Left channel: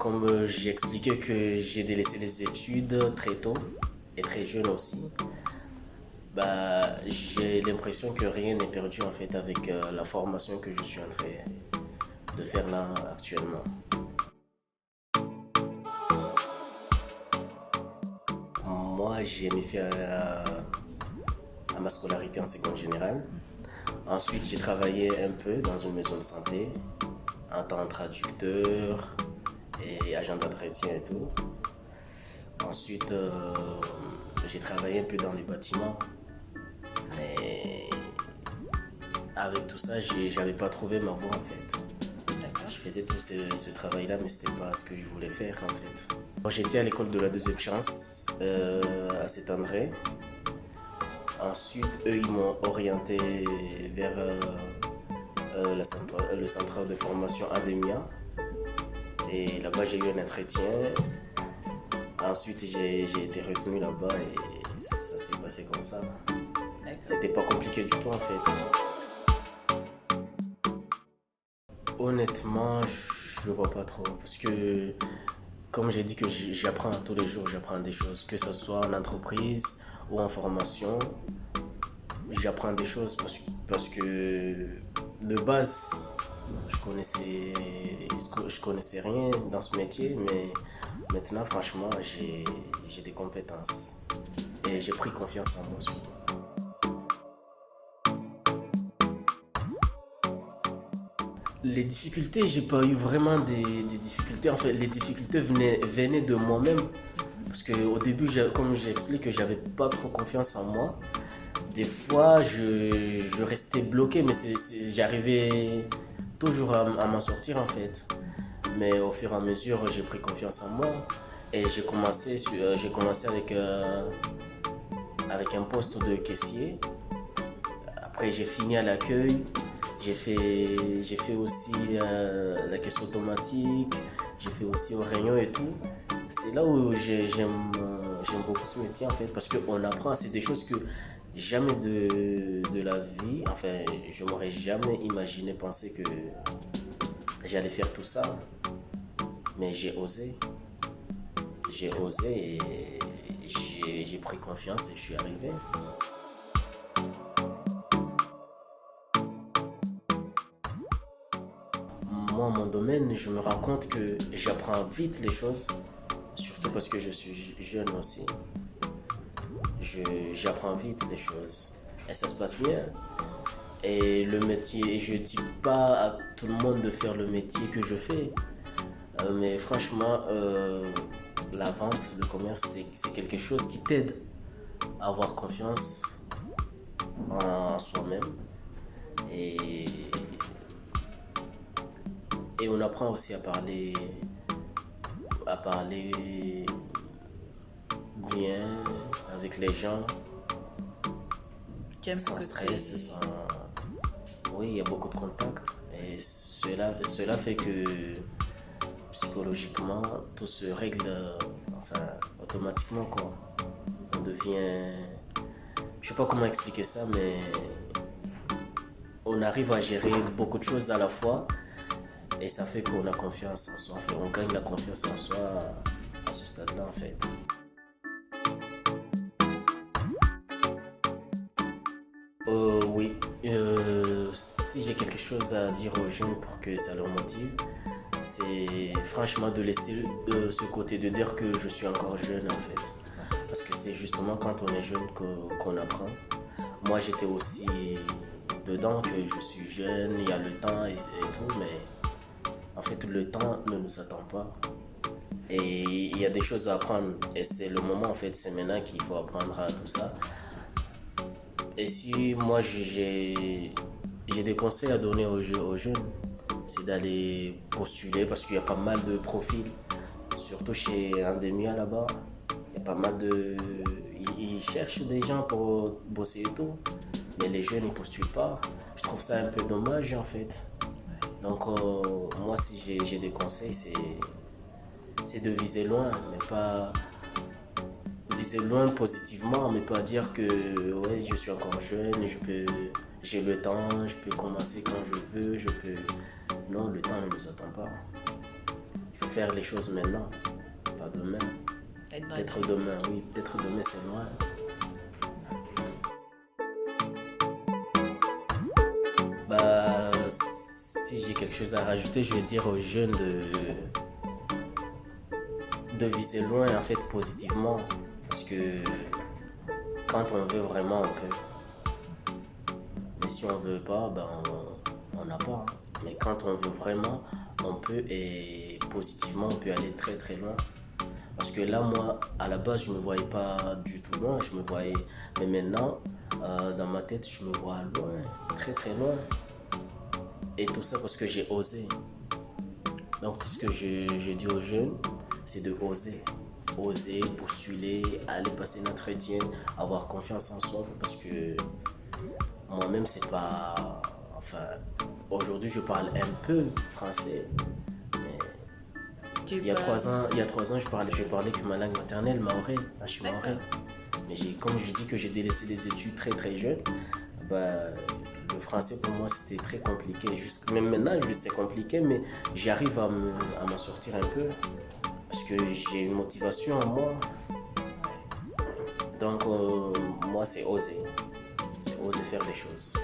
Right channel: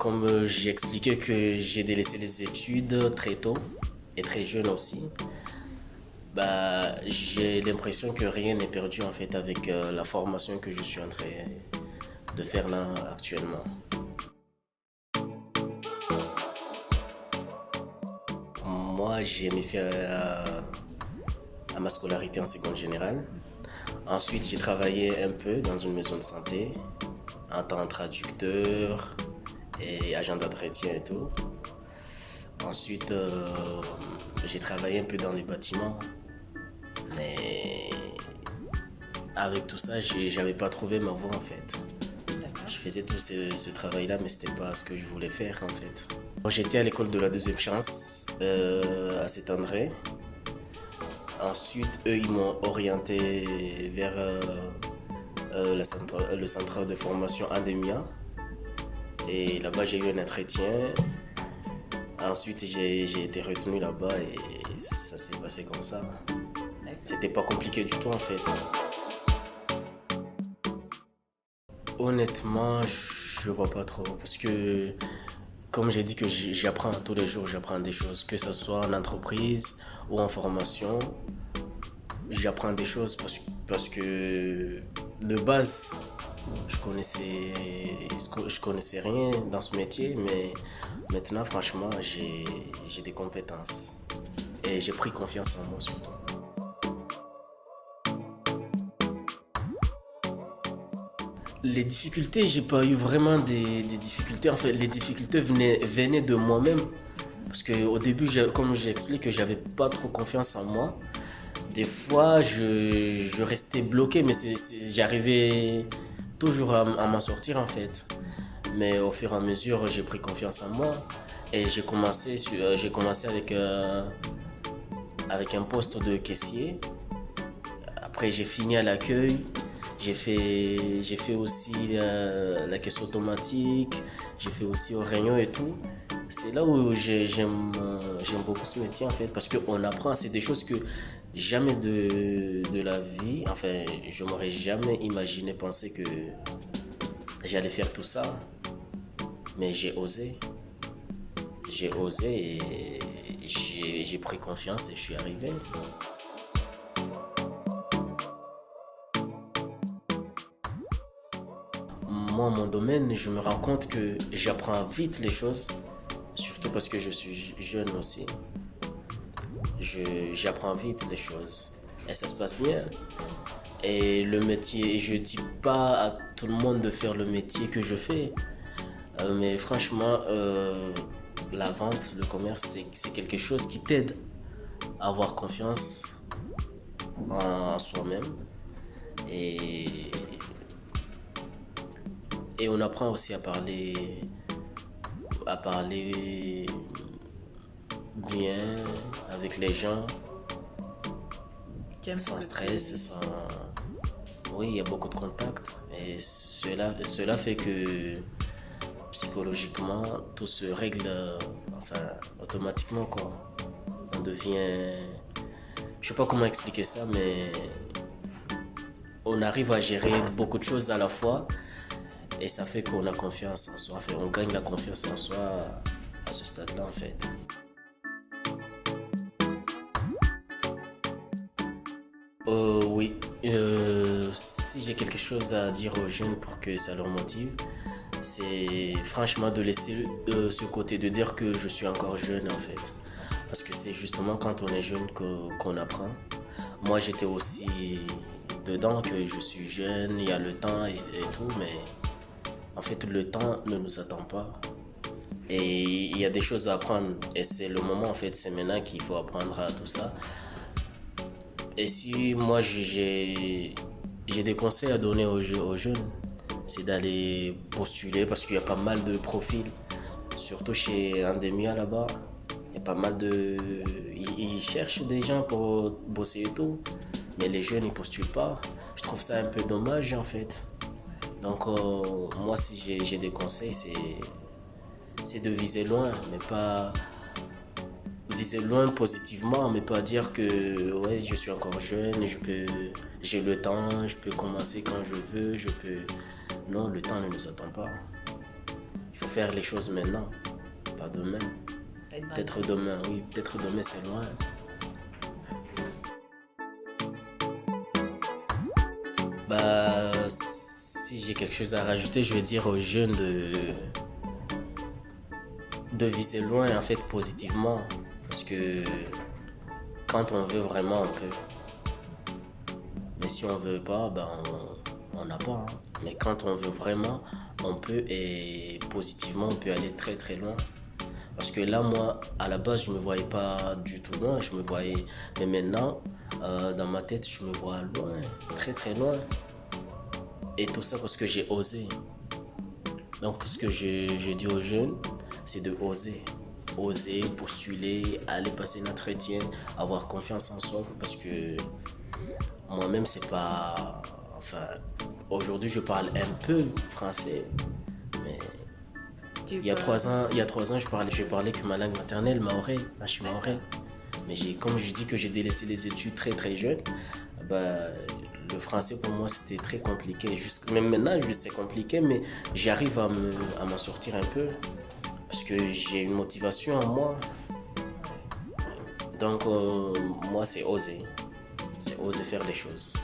Comme j'ai expliqué que j'ai délaissé les études très tôt et très jeune aussi, j'ai l'impression que rien n'est perdu en fait avec la formation que je suis en train de faire là actuellement. Moi, j'ai aimé faire à ma scolarité en seconde générale. Ensuite, j'ai travaillé un peu dans une maison de santé en tant que traducteur et agent d'entretien et tout. Ensuite, j'ai travaillé un peu dans les bâtiments, mais avec tout ça, j'avais pas trouvé ma voie en fait. Je faisais tout ce travail-là, mais c'était pas ce que je voulais faire en fait. J'étais à l'école de la deuxième chance à Saint-André. Ensuite, eux, ils m'ont orienté vers le centre de formation Ademia. Et là-bas, j'ai eu un entretien. Ensuite, j'ai été retenu là-bas et ça s'est passé comme ça. C'était pas compliqué du tout en fait. Honnêtement, je vois pas trop parce que comme j'ai dit que j'apprends tous les jours, j'apprends des choses, que ce soit en entreprise ou en formation, j'apprends des choses parce que de base, je connaissais rien dans ce métier, mais maintenant, franchement, j'ai des compétences et j'ai pris confiance en moi surtout. Les difficultés, j'ai pas eu vraiment des difficultés. En fait, les difficultés venaient de moi-même. Parce qu'au début, comme j'explique, que j'avais pas trop confiance en moi. Des fois, je restais bloqué, mais j'arrivais toujours à m'en sortir en fait. Mais au fur et à mesure, j'ai pris confiance en moi. Et j'ai commencé avec un poste de caissier. Après, j'ai fini à l'accueil. J'ai fait aussi la caisse automatique. J'ai fait aussi au rayon et tout. C'est là où j'aime beaucoup ce métier en fait. Parce qu'on apprend, c'est des choses que jamais de la vie, enfin, je m'aurais jamais imaginé penser que j'allais faire tout ça. Mais j'ai osé. J'ai osé et j'ai pris confiance et je suis arrivé. Moi, mon domaine, je me rends compte que j'apprends vite les choses, surtout parce que je suis jeune aussi. J'apprends vite les choses et ça se passe bien. Et le métier, je dis pas à tout le monde de faire le métier que je fais, mais franchement, la vente, le commerce, c'est quelque chose qui t'aide à avoir confiance en soi-même. Et, et on apprend aussi à parler bien avec les gens, sans stress, sans... Oui, il y a beaucoup de contacts et cela fait que psychologiquement, tout se règle enfin, automatiquement quoi. On devient... Je sais pas comment expliquer ça, mais on arrive à gérer beaucoup de choses à la fois et ça fait qu'on a confiance en soi. Enfin, on gagne la confiance en soi à ce stade-là en fait. Oui, si j'ai quelque chose à dire aux jeunes pour que ça leur motive, c'est franchement de laisser ce côté de dire que je suis encore jeune en fait. Parce que c'est justement quand on est jeune qu'on apprend. Moi j'étais aussi dedans que je suis jeune, il y a le temps et tout, mais en fait le temps ne nous attend pas. Et il y a des choses à apprendre et c'est le moment en fait, c'est maintenant qu'il faut apprendre à tout ça. Et si moi j'ai des conseils à donner aux jeunes, c'est d'aller postuler parce qu'il y a pas mal de profils, surtout chez Endemia là-bas. Il y a pas mal de... Ils cherchent des gens pour bosser et tout, mais les jeunes ils postulent pas. Je trouve ça un peu dommage en fait. Donc moi si j'ai des conseils, c'est de viser loin, mais pas viser loin positivement, mais pas dire que ouais, je suis encore jeune, j'ai le temps, je peux commencer quand je veux, je peux... Non, le temps ne nous attend pas. Il faut faire les choses maintenant, pas demain. Peut-être demain, oui, peut-être demain c'est loin. Si j'ai quelque chose à rajouter, je vais dire aux jeunes de viser loin, en fait, positivement. Parce que quand on veut vraiment, on peut. Mais si on veut pas, on n'a pas. Mais quand on veut vraiment, on peut, et positivement, on peut aller très très loin. Parce que là, moi, à la base, je me voyais pas du tout loin. Je me voyais. Mais maintenant, dans ma tête, je me vois loin, très très loin. Et tout ça parce que j'ai osé. Donc, tout ce que je dis aux jeunes, c'est de oser. Oser, postuler, aller passer un entretien, avoir confiance en soi. Parce que moi-même, c'est pas. Enfin, aujourd'hui, je parle un peu français. Mais il y a 3 ans, je parlais que ma langue maternelle, maoré. Je suis maoré. Mais comme je dis que j'ai délaissé les études très très jeune, le français pour moi c'était très compliqué. Même maintenant, c'est compliqué, mais j'arrive à m'en sortir un peu parce que j'ai une motivation en moi. Donc, moi, c'est oser. C'est oser faire des choses.